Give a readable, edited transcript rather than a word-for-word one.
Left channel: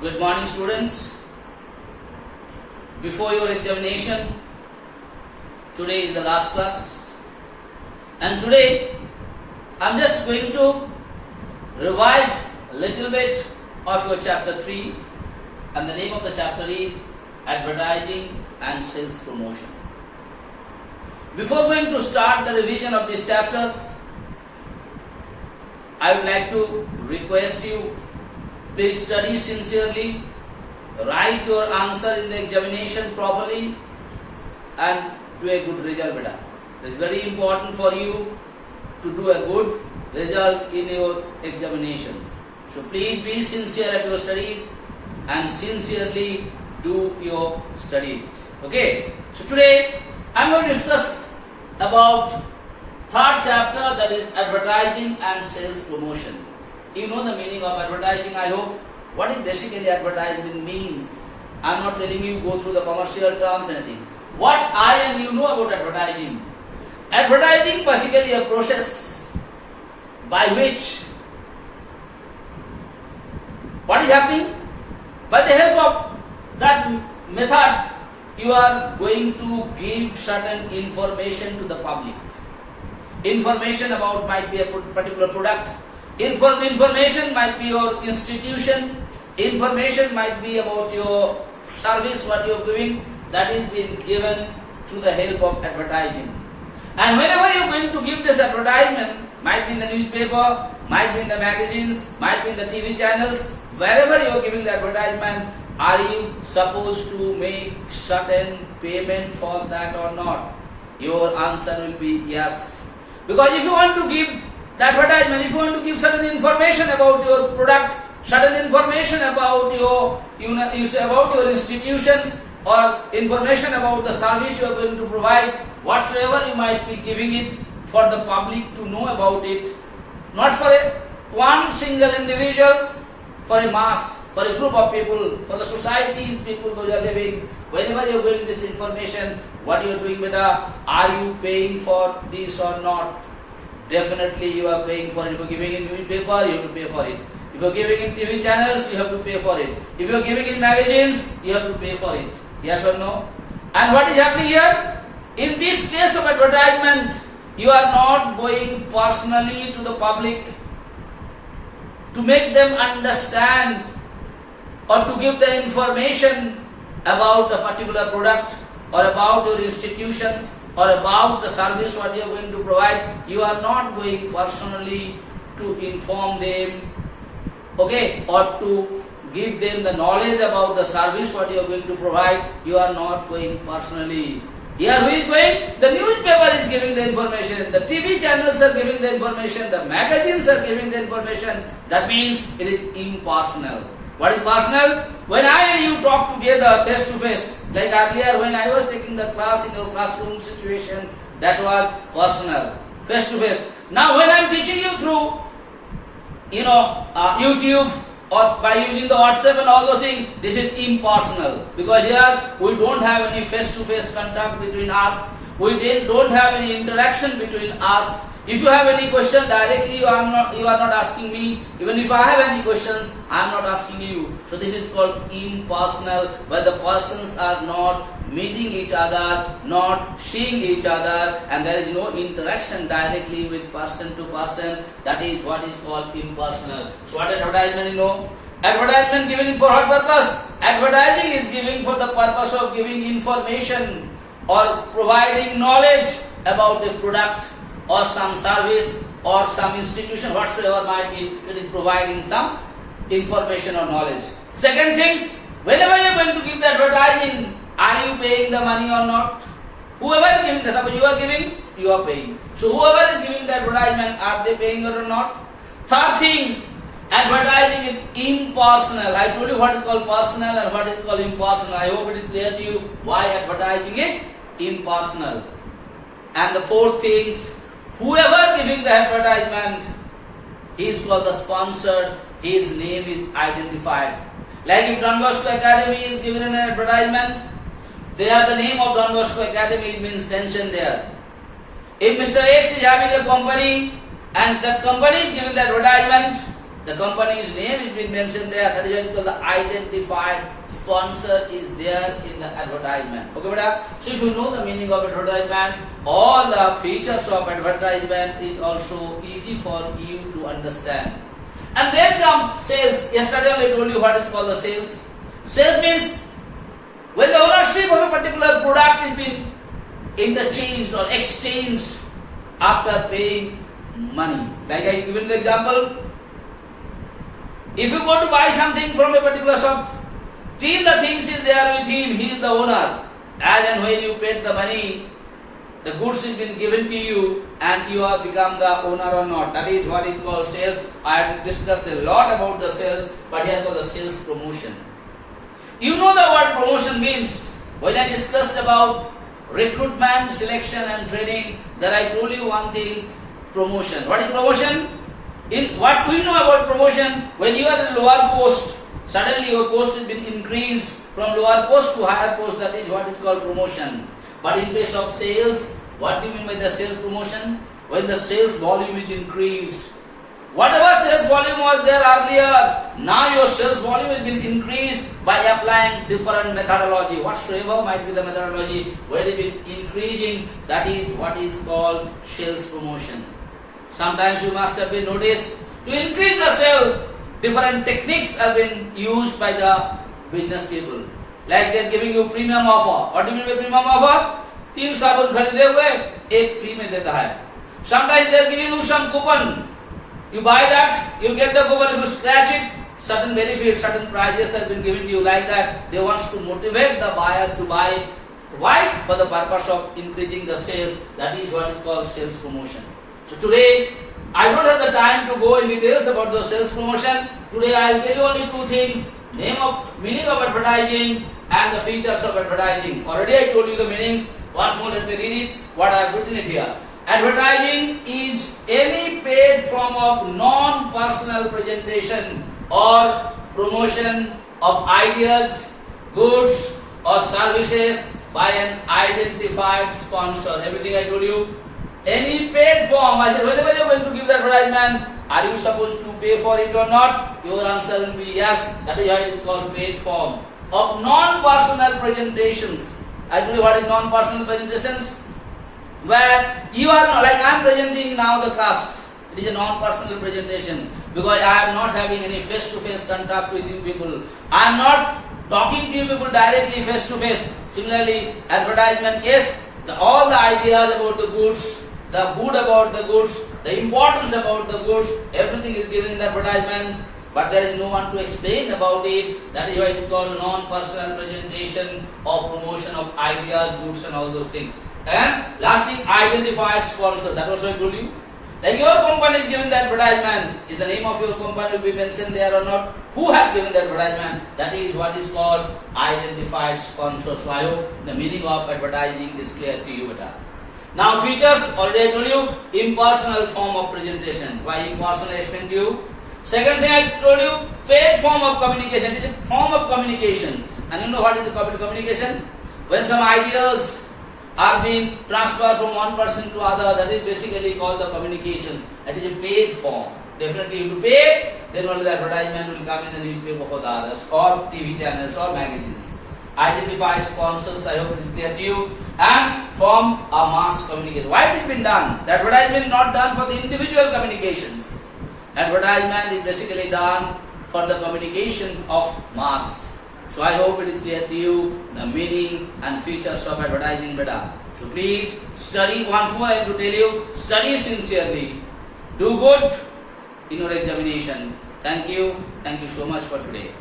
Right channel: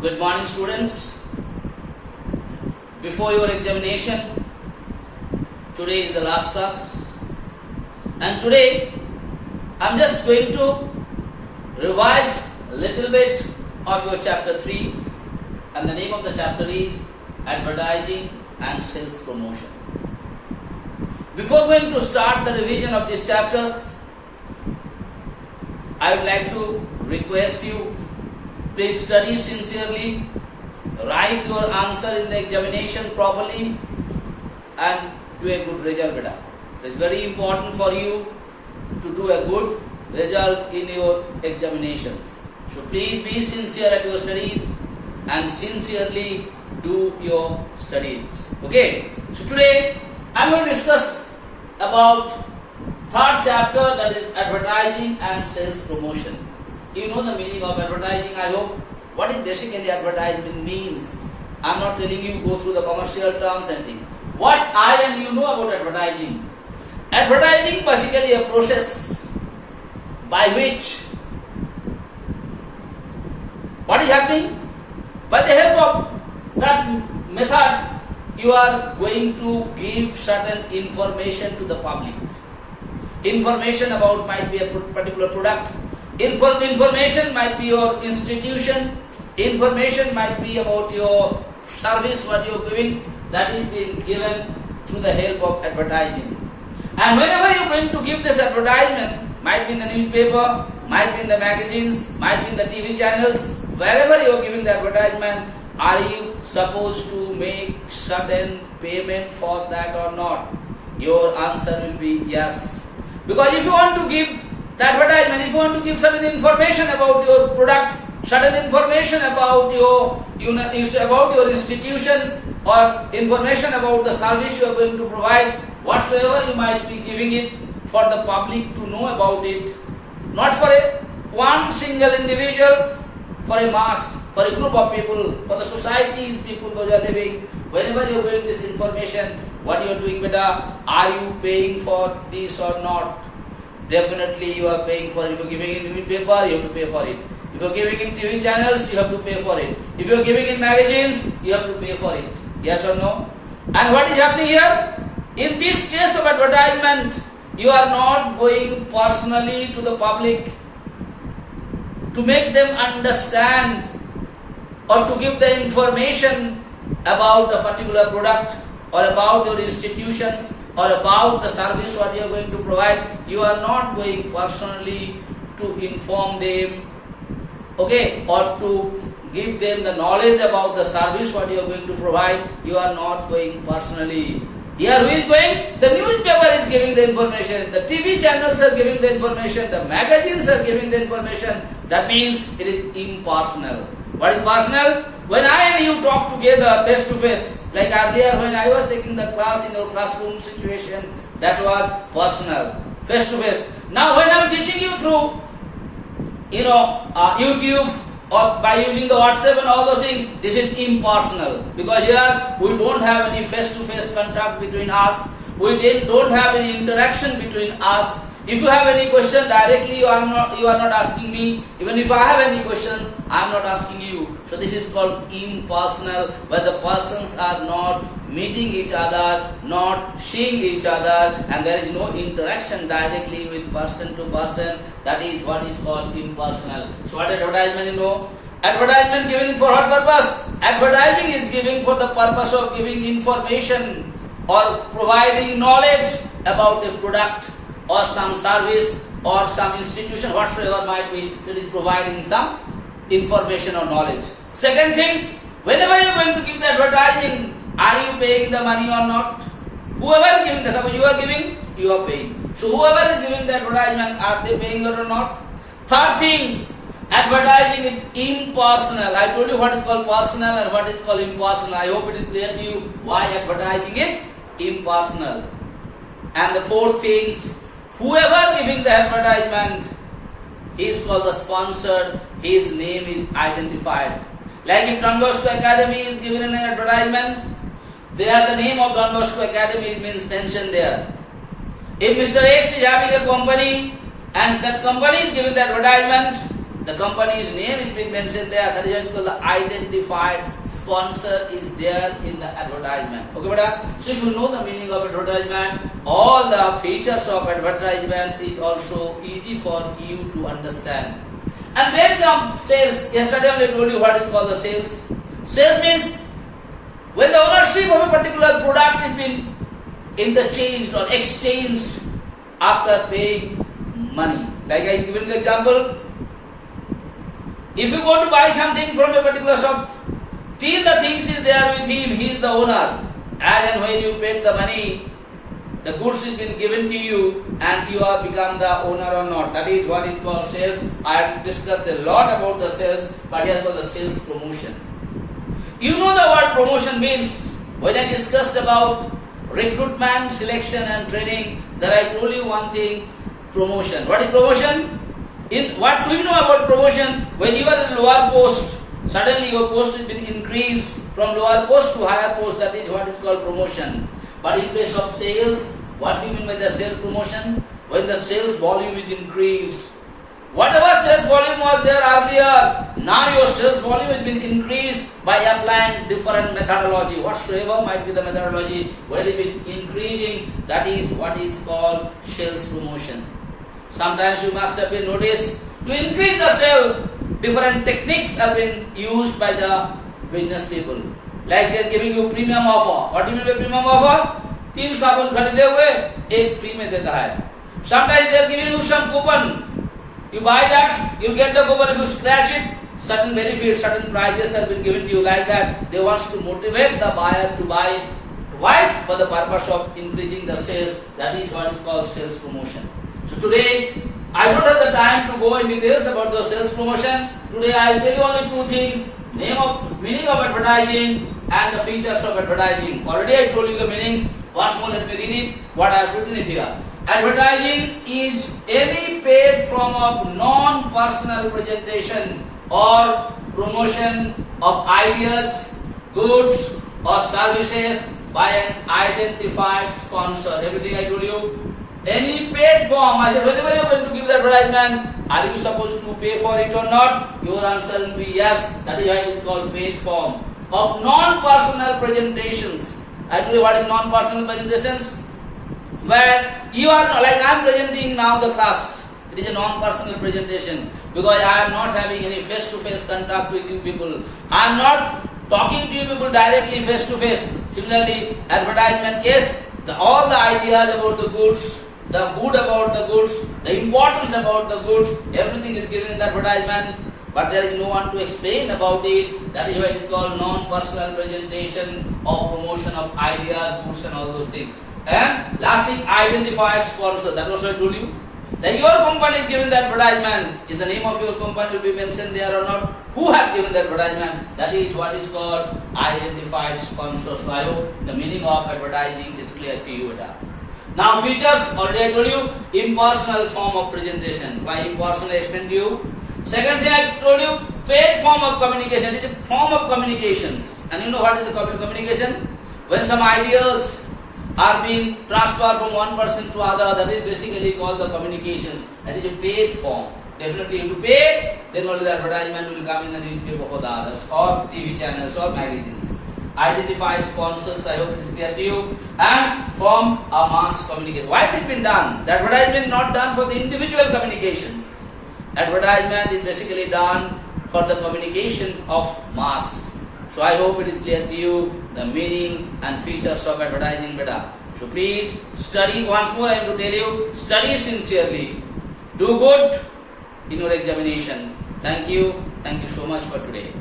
Good morning, students. Before your examination, today is the last class, and today I'm just going to revise a little bit of your chapter 3, and the name of the chapter is Advertising and Sales Promotion. Before going to start the revision of these chapters, I would like to request you, please study sincerely, write your answer in the examination properly, and do a good result, beta. It is very important for you to do a good result in your examinations. So please be sincere at your studies and sincerely do your studies. Okay? So today I am going to discuss about third chapter, that is advertising and sales promotion. You know the meaning of advertising, I hope. What is basically advertisement means? I am not telling you go through the commercial terms and anything. What I and you know about advertising? Advertising basically a process by which what is happening? By the help of that method, you are going to give certain information to the public. Information about might be a particular product. Information might be your institution. Information might be about your service, what you are giving. That is being given through the help of advertising. And whenever you are going to give this advertisement, might be in the newspaper, might be in the magazines, might be in the TV channels, wherever you are giving the advertisement, are you supposed to make certain payment for that or not? Your answer will be yes. Because if you want to give the advertisement, if you want to give certain information about your product, certain information about your institutions, or information about the service you are going to provide, whatsoever you might be giving it for the public to know about it, not for one single individual, for a mass, for a group of people, for the societies people who are living. Whenever you are giving this information, what you are doing, beta, are you paying for this or not? Definitely you are paying for it. If you are giving in newspaper, you have to pay for it. If you are giving in TV channels, you have to pay for it. If you are giving in magazines, you have to pay for it. Yes or no? And what is happening here? In this case of advertisement, you are not going personally to the public to make them understand or to give the information about a particular product or about your institutions or about the service what you are going to provide. You are not going personally to inform them, okay, or to give them the knowledge about the service what you are going to provide. You are not going personally. Here who is going? The newspaper is giving the information, the TV channels are giving the information, the magazines are giving the information. That means it is impersonal. What is personal? When I and you talk together face to face, like earlier when I was taking the class in our classroom situation, that was personal, face to face. Now when I am teaching you through, YouTube or by using the WhatsApp and all those things, this is impersonal, because here we don't have any face to face contact between us. We don't have any interaction between us. If you have any question directly, you are not asking me. Even if I have any questions, I am not asking you. So this is called impersonal, where the persons are not meeting each other, not seeing each other, and there is no interaction directly with person to person. That is what is called impersonal. So what advertisement you know? Advertisement given for what purpose? Advertising is given for the purpose of giving information or providing knowledge about a product or some service or some institution, whatsoever might be, it is providing some information or knowledge. Second things, whenever you are going to give the advertising, are you paying the money or not? Whoever is giving the, you are giving, you are paying. So whoever is giving the advertisement, are they paying or not? Third thing, advertising is impersonal. I told you what is called personal and what is called impersonal. I hope it is clear to you why advertising is impersonal. And the fourth things, whoever giving the advertisement, he is called the sponsored, his name is identified. Like if Don Bosco Academy is given an advertisement, there the name of Don Bosco Academy means mentioned there. If Mr. X is having a company and that company is giving the advertisement, the company's name is being mentioned there. That is what is called the identified sponsor is there in the advertisement. Okay, beta? So if you know the meaning of advertisement, all the features of advertisement is also easy for you to understand. And then come sales. Yesterday I told you what is called the sales. Sales means when the ownership of a particular product is been interchanged or exchanged after paying money. Like I given the example, if you go to buy something from a particular shop, till the things is there with him, he is the owner. As and when you paid the money, the goods has been given to you and you have become the owner or not. That is what is called sales. I have discussed a lot about the sales, but here called the sales promotion. You know the word promotion means. When I discussed about recruitment, selection and training, that I told you one thing, promotion. What is promotion? What do you know about promotion? When you are in lower post, suddenly your post has been increased from lower post to higher post. That is what is called promotion. But in case of sales, what do you mean by the sales promotion? When the sales volume is increased. Whatever sales volume was there earlier, now your sales volume has been increased by applying different methodology. Whatsoever might be the methodology, where it is increasing, that is what is called sales promotion. Sometimes you must have been noticed, to increase the sale, different techniques have been used by the business people. Like they are giving you premium offer. What do you mean by premium offer? 3 साबुन खरीदे हुए एक free में देता है. Sometimes they are giving you some coupon. You buy that, you get the coupon, you scratch it, certain benefits, certain prizes have been given to you like that. They want to motivate the buyer to buy. Why? For the purpose of increasing the sales. That is what is called sales promotion. So today, I don't have the time to go in details about the sales promotion. Today I will tell you only 2 things. Meaning of advertising and the features of advertising. Already I told you the meanings. Once more let me read it, what I have written it here. Advertising is any paid form of non-personal presentation or promotion of ideas, goods or services by an identified sponsor. Everything I told you. Any paid form. I said, whenever you are going to give the advertisement, are you supposed to pay for it or not? Your answer will be yes. That is why it is called paid form. Of non-personal presentations. I told you what is non-personal presentations? Where you are not, like I am presenting now the class. It is a non-personal presentation. Because I am not having any face-to-face contact with you people. I am not talking to you people directly face-to-face. Similarly, advertisement case, all the ideas about the goods, the good about the goods, the importance about the goods, everything is given in the advertisement, but there is no one to explain about it. That is why it is called non-personal presentation or promotion of ideas, goods and all those things. And last thing, identified sponsor. That was what I told you. That your company is given the advertisement. Is the name of your company will be mentioned there or not? Who have given the advertisement? That is what is called identified sponsor. So I hope the meaning of advertising is clear to you. Now features, already I told you, impersonal form of presentation. Why impersonal? I explained to you. Second thing I told you, paid form of communication. It is a form of communications. And you know what is the communication? When some ideas are being transferred from one person to other, that is basically called the communications. That is a paid form. Definitely you have to pay, then only the advertisement will come in the newspaper for the others, or TV channels or magazines. Identify sponsors, I hope it is clear to you, and form a mass communication. Why it has been done? The advertisement is not done for the individual communications. Advertisement is basically done for the communication of mass. So I hope it is clear to you the meaning and features of advertising better. So please study once more. I have to tell you, study sincerely. Do good in your examination. Thank you. Thank you so much for today.